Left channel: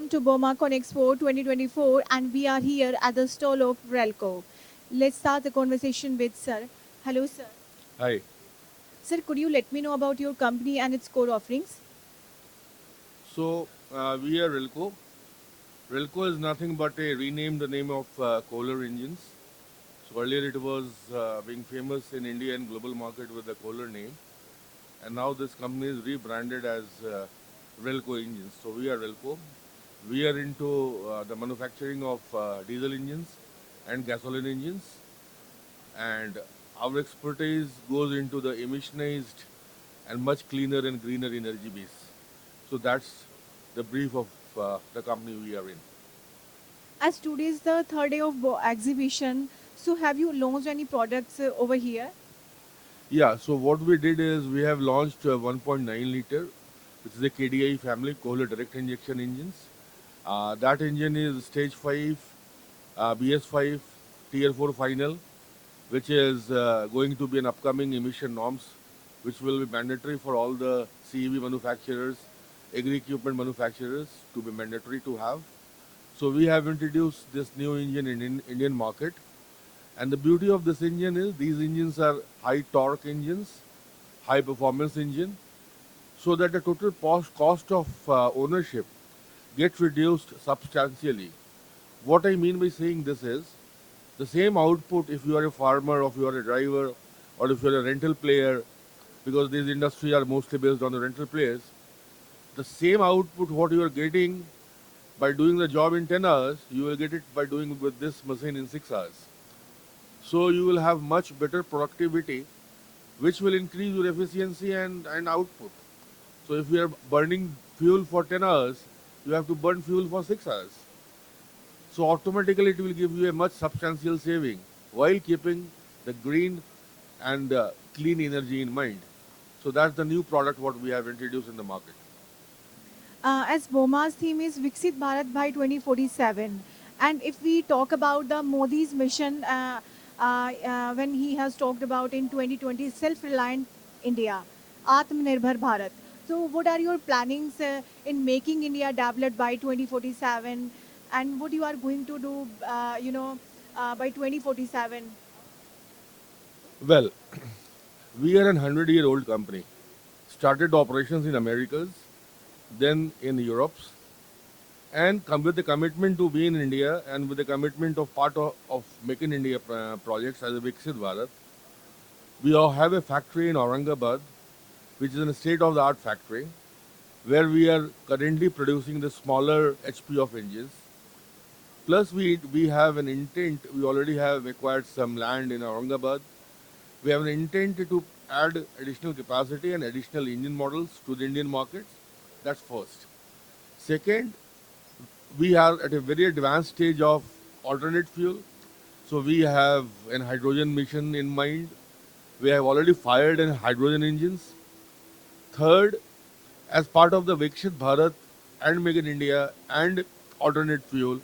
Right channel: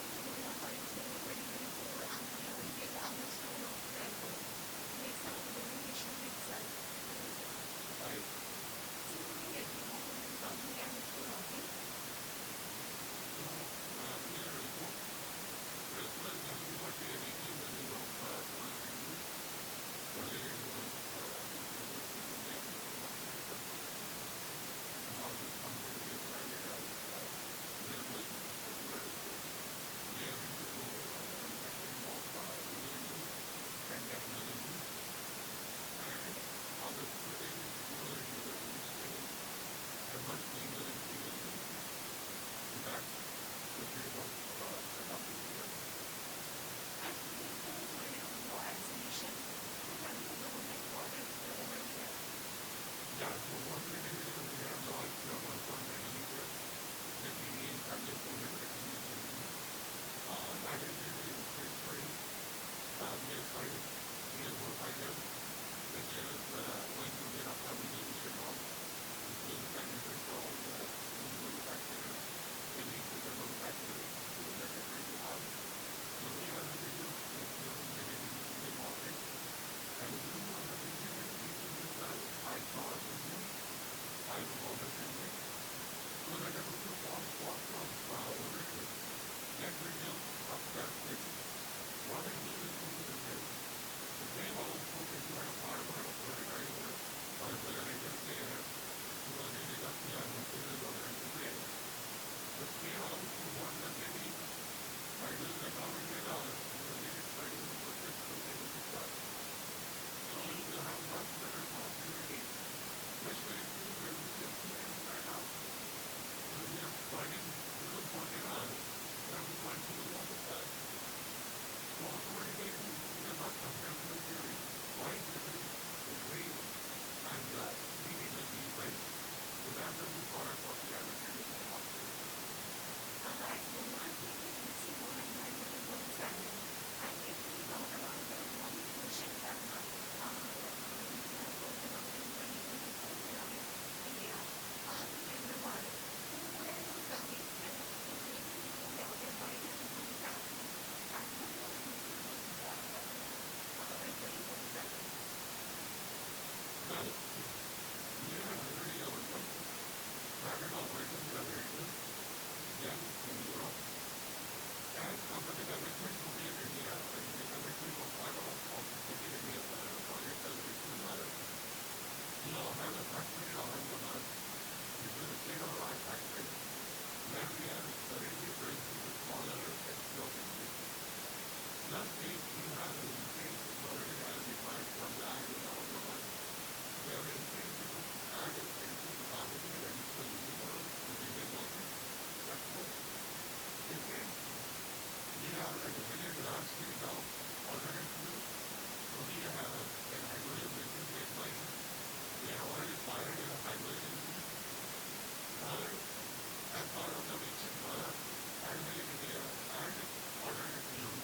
welcome to BOMACon Expo 2024 and we are here at the stall of Relco. Let's start the conversation with Sir. Hello sir. Hi. Sir, could you let me know about your company and its core offerings? We are Relco. Relco is nothing but a renamed the name of Kohler engines. So earlier it was being famous in India and global market with the Kohler name, and now this company is rebranded as Relco Engines. So we are Relco. We are into the manufacturing of diesel engines and gasoline engines, and our expertise goes into the emissionized and much cleaner and greener energy base. So that's the brief of the company we are in. As today is the third day of exhibition, so have you launched any products over here? Yeah, so what we did is we have launched 1.9 liter, which is a KDI family, Kohler direct injection engines. That engine is stage 5, BS5, tier 4 final, which is going to be an upcoming emission norms, which will be mandatory for all the CEV manufacturers, agri equipment manufacturers to be mandatory to have. So we have introduced this new engine in Indian market. And the beauty of this engine is these engines are high torque engines, high performance engine, so that the total cost of ownership gets reduced substantially. What I mean by saying this is the same output if you are a farmer, or if you are a driver, or if you are a rental player, because these industries are mostly based on the rental players, the same output what you are getting by doing the job in 10 hours, you will get it by doing with this machine in 6 hours. So you will have much better productivity, which will increase your efficiency and output. So if you are burning fuel for 10 hours, you have to burn fuel for 6 hours. So automatically it will give you a much substantial saving while keeping the green and clean energy in mind. So that's the new product what we have introduced in the market. As BOMA's theme is Viksit Bharat by 2047. And if we talk about the Modi's mission, when he has talked about in 2020 self-reliant India, Atmanirbhar Bharat. So, what are your plannings in making India developed by 2047, and what you are going to do, by 2047? Well, we are an 100-year-old company. Started operations in Americas, then in Europe, and come with the commitment to be in India and with the commitment of part of Make in India projects as a Viksit Bharat. We all have a factory in Aurangabad, which is a state-of-the-art factory, where we are currently producing the smaller HP of engines. Plus, we have an intent. We already have acquired some land in Aurangabad. We have an intent to add additional capacity and additional engine models to the Indian market. That's first. Second, we are at a very advanced stage of alternate fuel. So we have an hydrogen mission in mind. We have already fired in hydrogen engines. Third, as part of the Viksit Bharat and Make in India and alternate fuel,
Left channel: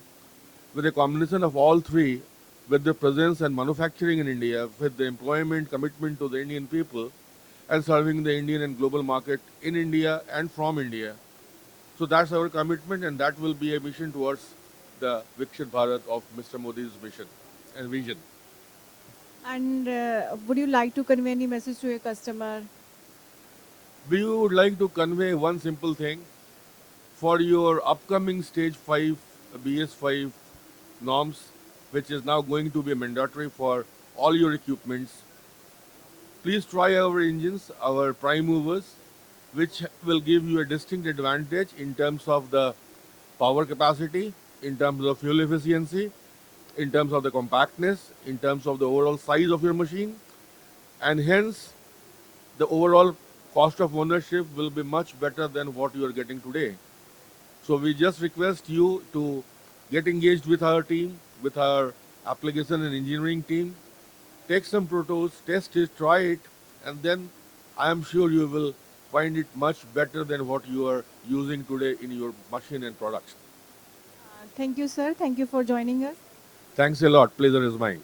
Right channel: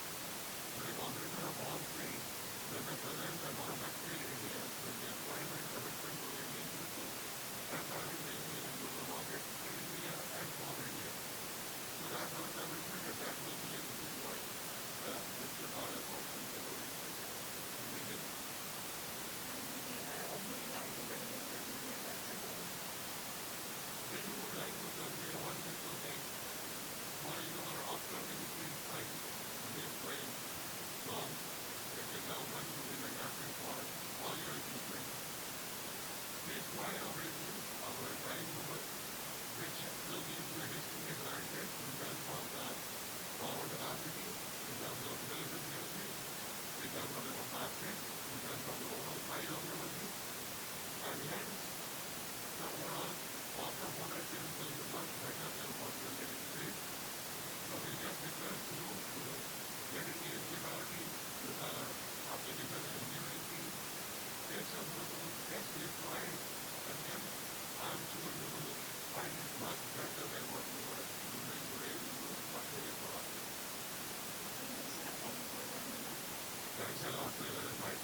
with a combination of all three, with the presence and manufacturing in India, with the employment commitment to the Indian people, and serving the Indian and global market in India and from India. So that's our commitment, and that will be a mission towards the Viksit Bharat of Mr. Modi's vision and vision. And would you like to convey any message to your customer? We would like to convey one simple thing for your upcoming stage 5 BS5 norms, which is now going to be mandatory for all your equipments. Please try our engines, our prime movers, which will give you a distinct advantage in terms of the power capacity, in terms of fuel efficiency, in terms of the compactness, in terms of the overall size of your machine, and hence the overall cost of ownership will be much better than what you are getting today. So we just request you to get engaged with our team, with our application and engineering team, take some protos, test it, try it, and then I am sure you will find it much better than what you are using today in your machine and products. Thank you, sir. Thank you for joining us. Thanks a lot. Pleasure is mine.